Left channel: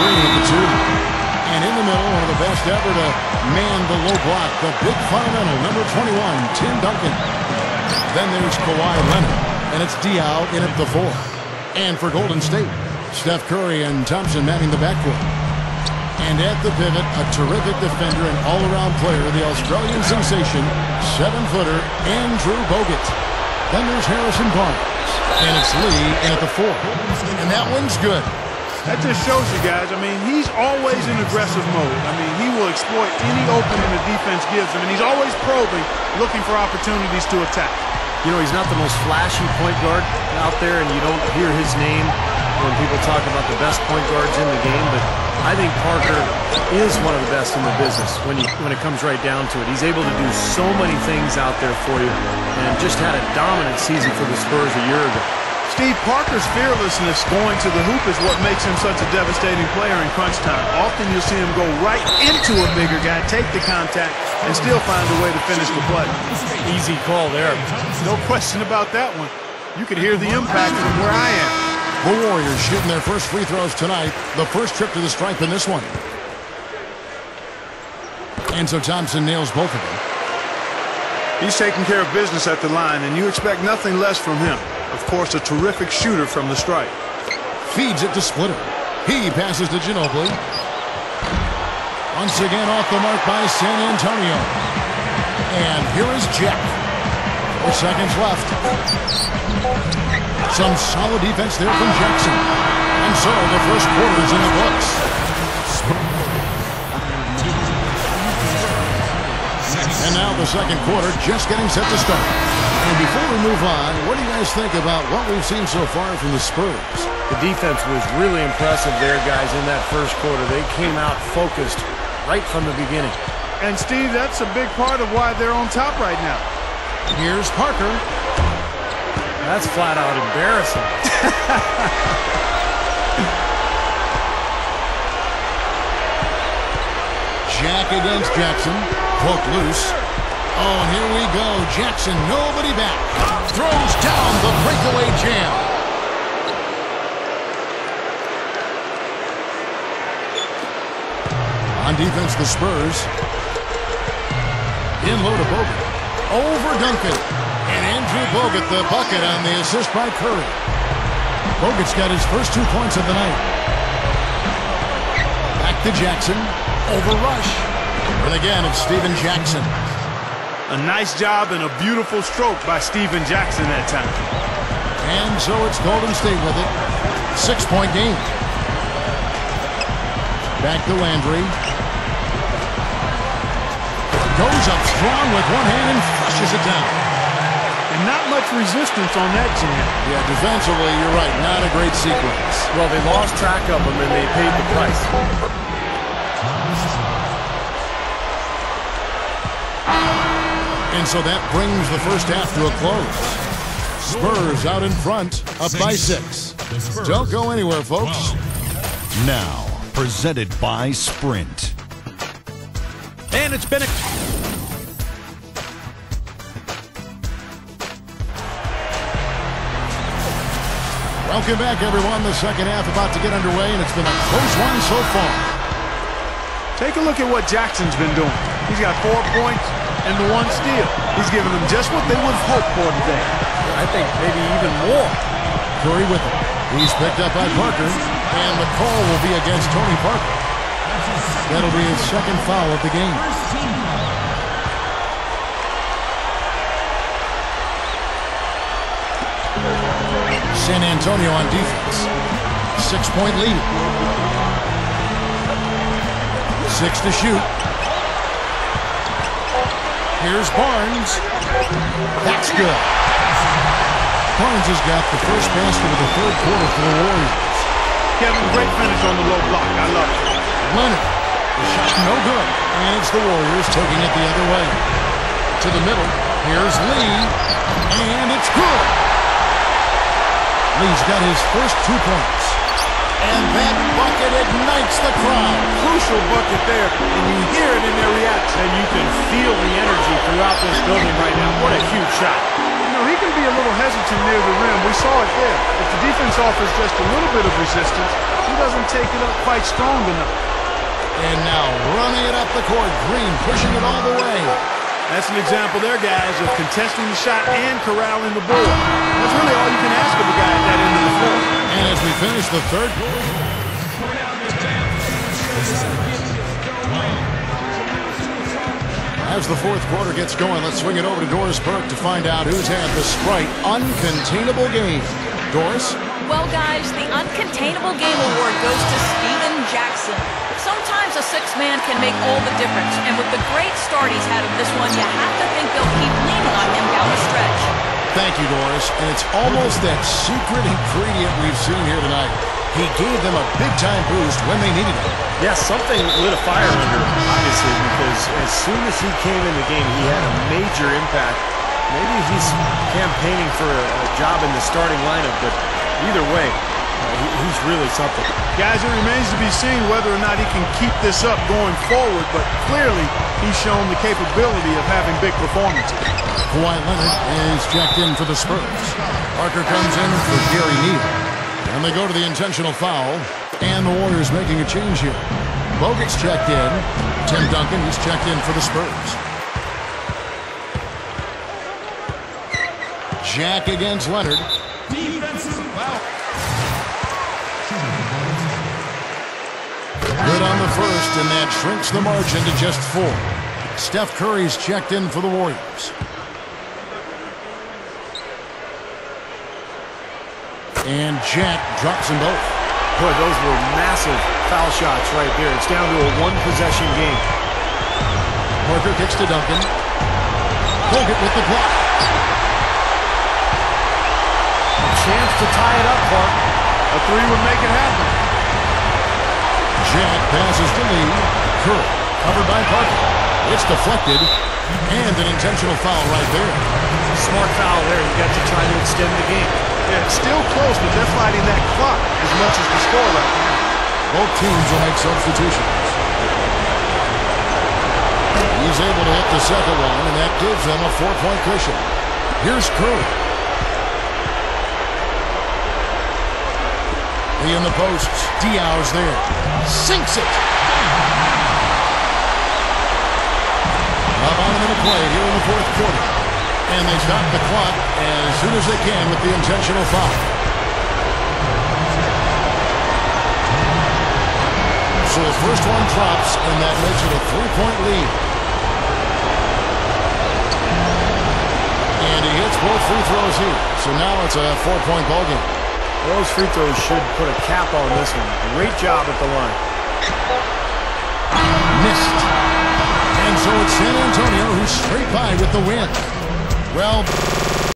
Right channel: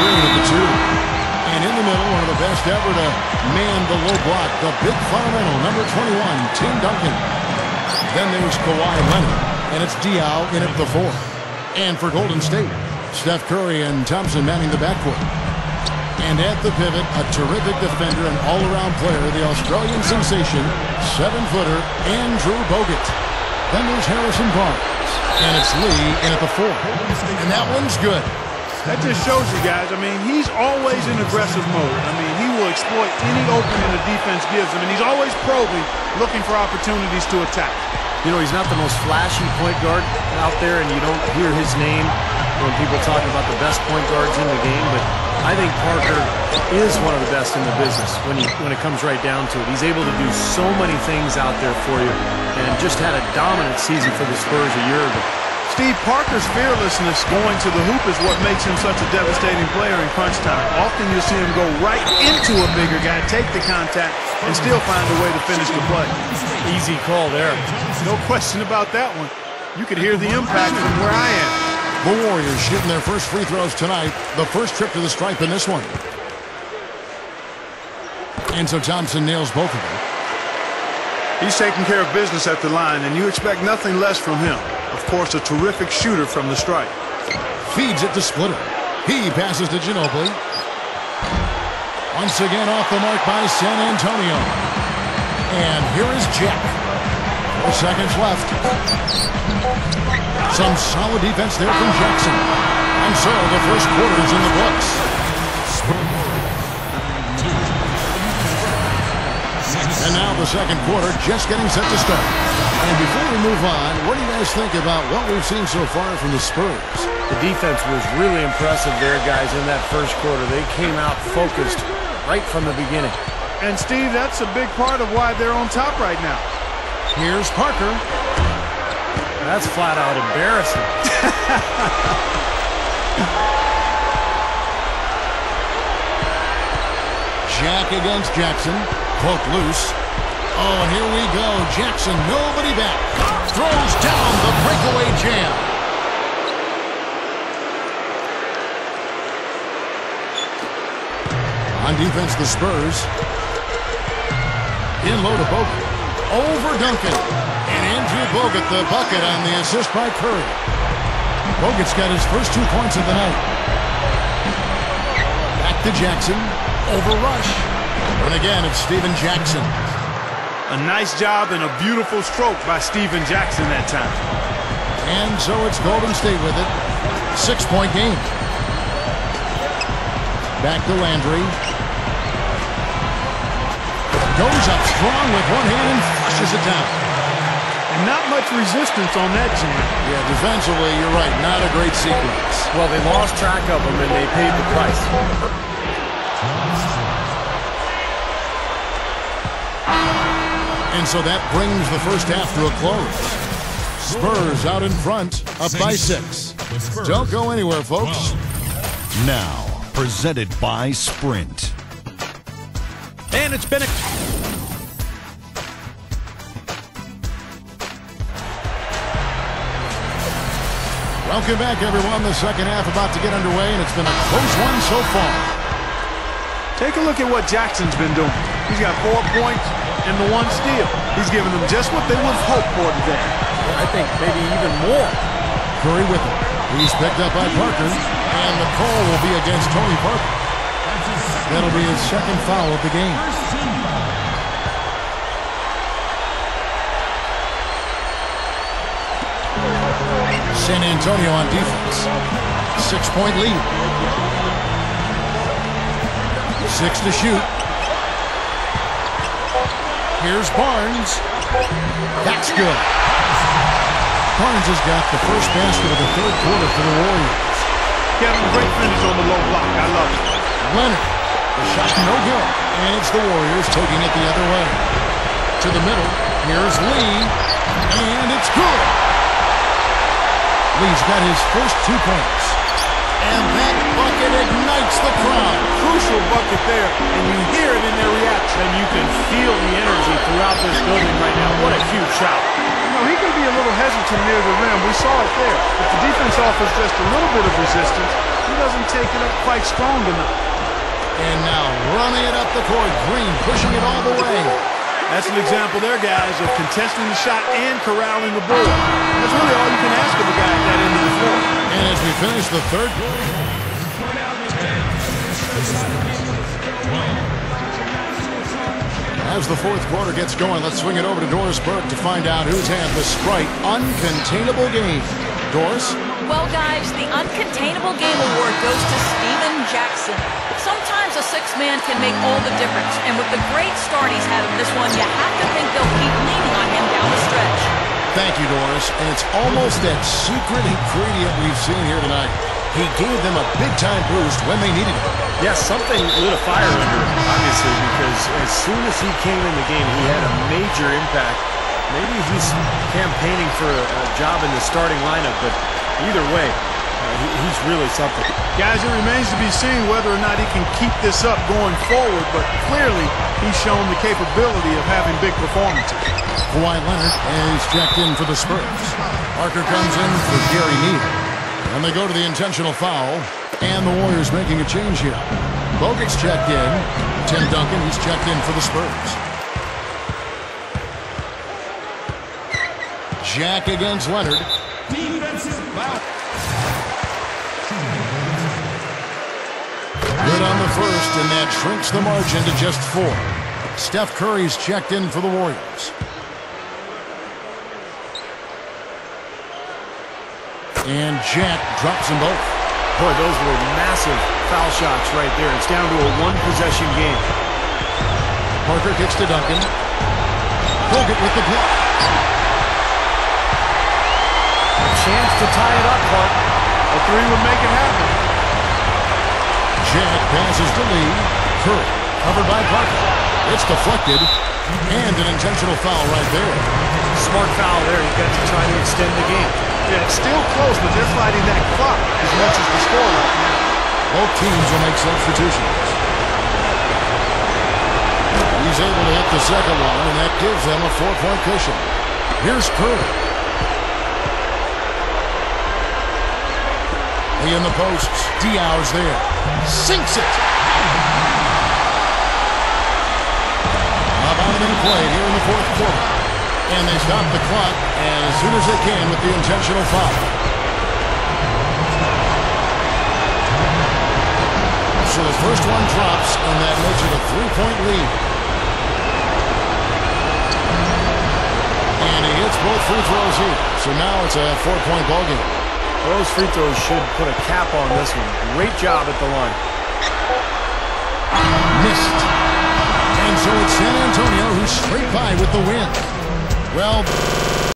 Green at the 2. And in the middle, one of the best ever to man the low block, the big fundamental, number 21, Tim Duncan. Then there's Kawhi Leonard, and it's Diaw in at the 4. And for Golden State, Steph Curry and Thompson manning the backcourt. And at the pivot, a terrific defender and all-around player, the Australian sensation, 7-footer, Andrew Bogut. Then there's Harrison Barnes, and it's Lee in at the 4. And that one's good. That just shows you guys, I mean, he's always in aggressive mode. I mean, he will exploit any opening the defense gives him, and he's always probing, looking for opportunities to attack. You know, he's not the most flashy point guard out there, and you don't hear his name when people talk about the best point guards in the game, but I think Parker is one of the best in the business when it comes right down to it. He's able to do so many things out there for you, and just had a dominant season for the Spurs a year ago. Steve, Parker's fearlessness going to the hoop is what makes him such a devastating player in crunch time. Often you'll see him go right into a bigger guy, take the contact, and still find a way to finish the play. Easy call there. No question about that one. You could hear the impact from where I am. The Warriors shooting their first free throws tonight. The first trip to the stripe in this one. And so Thompson nails both of them. He's taking care of business at the line, and you expect nothing less from him. Of course, a terrific shooter from the stripe. Feeds it to Splitter. He passes to Ginobili. Once again off the mark by San Antonio. And here is Jack. 4 seconds left. Some solid defense there from Jackson. And so the first quarter is in the books. And now the second quarter just getting set to start. And before we move on, what do you guys think about what we've seen so far from the Spurs? The defense was really impressive there, guys, in that first quarter. They came out focused right from the beginning. And, Steve, that's a big part of why they're on top right now. Here's Parker. That's flat out embarrassing. Jack against Jackson. Poke loose. Oh, and here we go. Jackson, nobody back. Throws down the breakaway jam. On defense, the Spurs. In low to Bogut. Over Duncan. And Andrew Bogut, the bucket on the assist by Curry. Bogut's got his first 2 points of the night. Back to Jackson. Over Rush. And again, it's Stephen Jackson. A nice job and a beautiful stroke by Stephen Jackson that time. And so it's Golden State with it. 6-point game. Back to Landry. Goes up strong with one hand and flushes it down. And not much resistance on that jam. Yeah, defensively, you're right. Not a great sequence. Well, they lost track of him and they paid the price. And so that brings the first half to a close. Spurs out in front, up by 6. Don't go anywhere, folks. Now, presented by Sprint. And it's been a... Welcome back, everyone. The second half about to get underway, and it's been a close one so far. Take a look at what Jackson's been doing. He's got 4 points and the 1 steal. He's given them just what they would have hoped for today. I think maybe even more. Curry with it. He's picked up by Parker, and the call will be against Tony Parker. That'll be his second foul of the game. San Antonio on defense. 6-point lead. 6 to shoot. Here's Barnes. That's good. Barnes has got the first basket of the third quarter for the Warriors. Kevin, great finish on the low block. I love it. Leonard. The shot no good. And it's the Warriors taking it the other way. To the middle. Here's Lee. And it's good. Lee's got his first 2 points. And that bucket ignites the crowd. Crucial bucket there, and you hear it in their reaction. And you can feel the energy throughout this building right now. What a huge shot. You know, he can be a little hesitant near the rim. We saw it there. If the defense offers just a little bit of resistance, he doesn't take it up quite strong enough. And now running it up the court. Green pushing it all the way. That's an example there, guys, of contesting the shot and corralling the board. That's really all you can ask of a guy at that end of the floor. And as we finish the third, as the fourth quarter gets going, let's swing it over to Doris Burke to find out who's had the Sprite Uncontainable Game. Doris? Well, guys, the Uncontainable Game Award goes to Steven Jackson. Sometimes a sixth man can make all the difference, and with the great start he's had in this one, you have to think they'll keep leaning on him down the stretch. Thank you, Doris. And it's almost that secret ingredient we've seen here tonight. He gave them a big-time boost when they needed it. Yes, something lit a fire under him, obviously, because as soon as he came in the game, he had a major impact. Maybe he's campaigning for a job in the starting lineup, but either way, he's really something. Guys, it remains to be seen whether or not he can keep this up going forward, but clearly he's shown the capability of having big performances. Kawhi Leonard is checked in for the Spurs. Parker comes in for Gary Neal. And they go to the intentional foul, and the Warriors making a change here. Bogut's checked in. Tim Duncan, he's checked in for the Spurs. Jack against Leonard. Defensive foul. Good on the first, and that shrinks the margin to just 4. Steph Curry's checked in for the Warriors. And Jack drops them both. Boy, those were massive foul shots right there. It's down to a one-possession game. Parker kicks to Duncan. Bogut with the block. A chance to tie it up, Clark. A three would make it happen. Jack passes to Lee. Curry covered by Parker. It's deflected. And an intentional foul right there. Smart foul there. You got to try to extend the game. Yeah, it's still close, but they're fighting that clock as much as the score right now. Both teams will make substitutions. He's able to hit the second one, and that gives them a 4-point cushion. Here's Curry. Lee in the posts. Diaw's there. Sinks it. About a minute played here in the fourth quarter. And they stop the clock as soon as they can with the intentional foul. So the first one drops, and that makes it a 3-point lead. And he hits both free throws here. So now it's a 4-point ball game. Those free throws should put a cap on this one. Great job at the line. Missed. And so it's San Antonio who's straight by with the win. Well...